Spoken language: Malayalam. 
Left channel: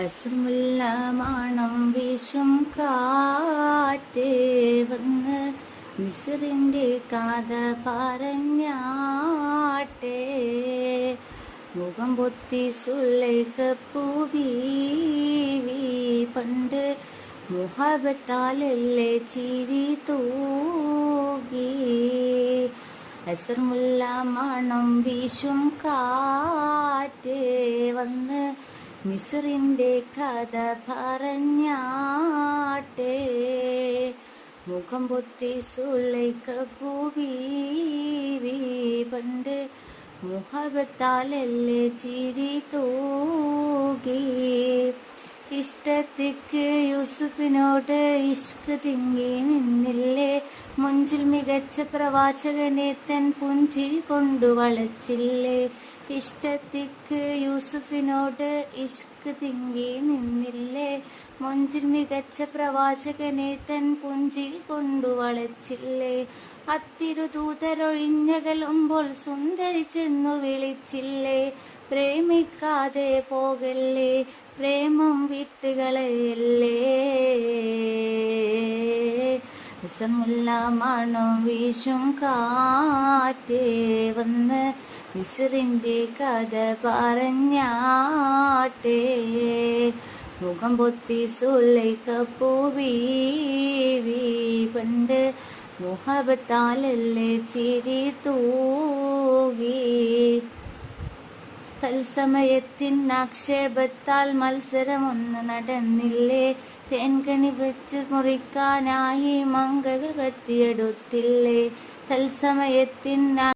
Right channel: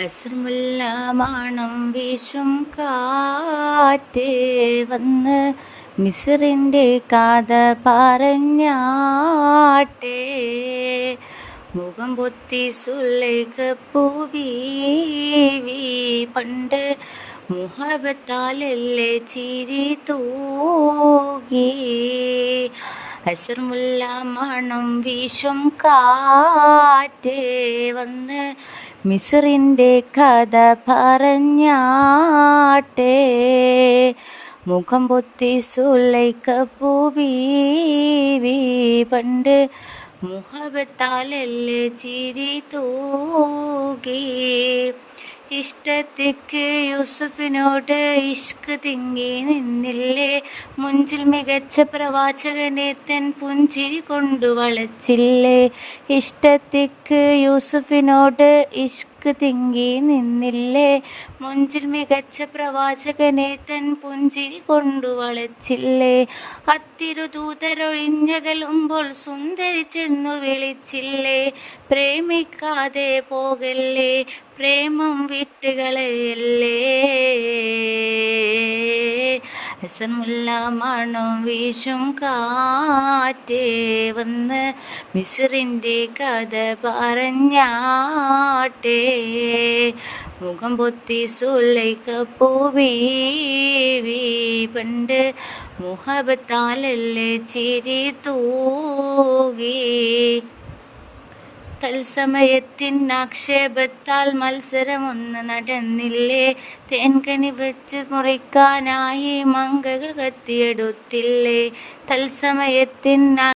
അസ്രമുല്ല മാണം വീശും കാറ്റ് വന്ന് മിസ്റിൻ്റെ കഥ പറഞ്ഞാട്ടെ. മുഖം പൊത്തി സുലൈഖ പൂബീവി പണ്ട് മുഹബത്താലല്ലേ ചിരി തൂകി. അസ്രമുല്ല മണം വീശും കാറ്റ് വന്ന് മിസ്റിൻ്റെ കഥ പറഞ്ഞാട്ടെ. മുഖം പൊത്തി സുലൈഖ പൂബീവി പണ്ട് മുഹബത്താലല്ലേ ചിരി തൂകി. ഇഷ്ടത്തിക്ക് യൂസുഫിനോട് ഇഷ്ക് തിങ്ങി നിന്നില്ലേ, മുഞ്ചിൽ മികച്ച പ്രവാചകനെ തൻ പുഞ്ചിരി കൊണ്ടു വളച്ചില്ലേ. ഇഷ്ടത്തിക്ക് യൂസുഫിനോട് ഇഷ്ക് തിങ്ങി നിന്നില്ലേ, മുഞ്ചിൽ മികച്ച പ്രവാചകനെ തൻ പുഞ്ചിരി കൊണ്ടു വളച്ചില്ലേ. അത്തിരുദൂതരൊഴിഞ്ഞകലുമ്പോൾ സുന്ദരി ചെന്നു വിളിച്ചില്ലേ, പ്രേമിക്കാതെ പോകല്ലേ, പ്രേമം വിട്ടുകളയല്ലേ. അസ്രമുല്ല മണം വീശും കാറ്റ് വന്ന് മിസ്റിൻ്റെ കഥ പറഞ്ഞാട്ടെ. മുഖം പൊത്തി സുലൈഖ പൂബീവി പണ്ട് മുഹബത്താലല്ലേ ചിരി തൂകി. തത്സമയത്തിൻ ആക്ഷേപത്താൽ മത്സരമൊന്ന് നടന്നില്ലേ, തേൻകനി വെച്ച് മുറിക്കാനായി മങ്കകൾ കത്തിയെടുത്തില്ലേ. തത്സമയത്തിൻ